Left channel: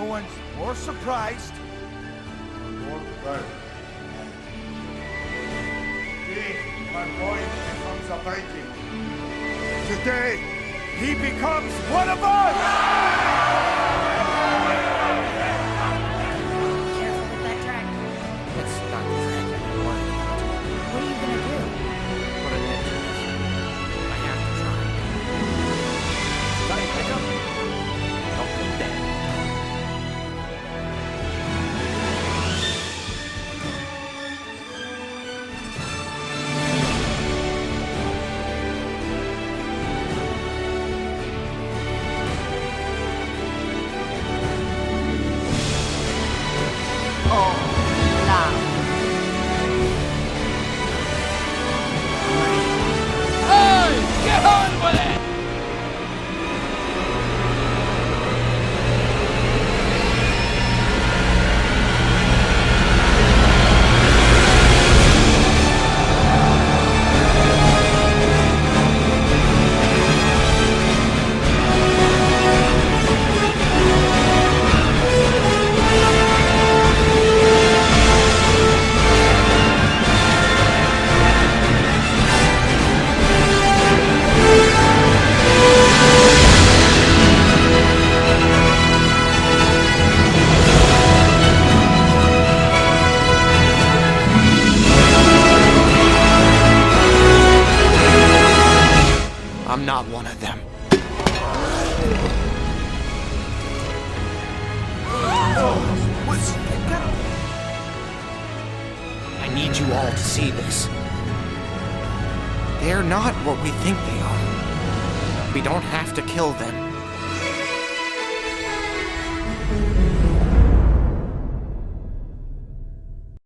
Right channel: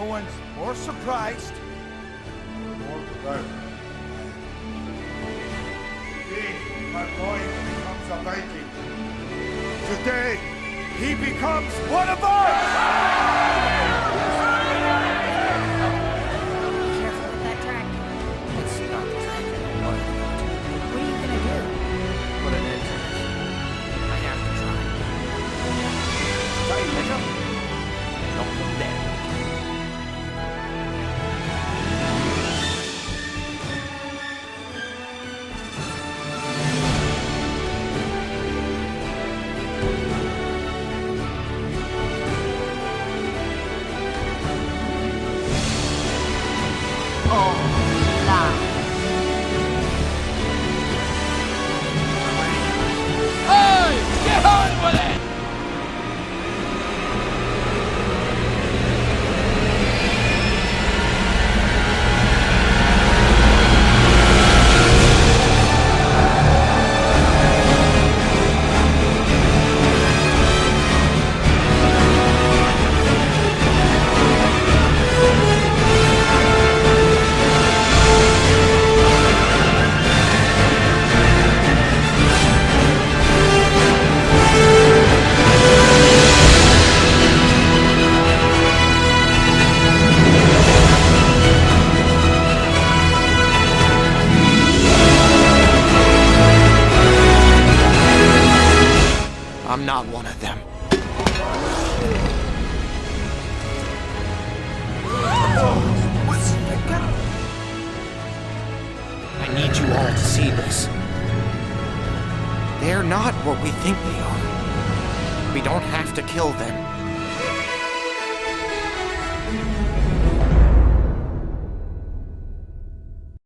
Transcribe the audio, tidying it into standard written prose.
No one's more surprised or more proud. Today, my boy becomes a Viking. Today, he becomes one of us! Be careful with that track. It's not the dragon I'm worried about. What are you gonna do? Put an end to this. I have to try. Giant hiccup? Help them dead. Oh, loud. Hey! Get on with it! I'm not one of them. What's that? I need you all to see this. They're not what we think they are. We don't have to kill them.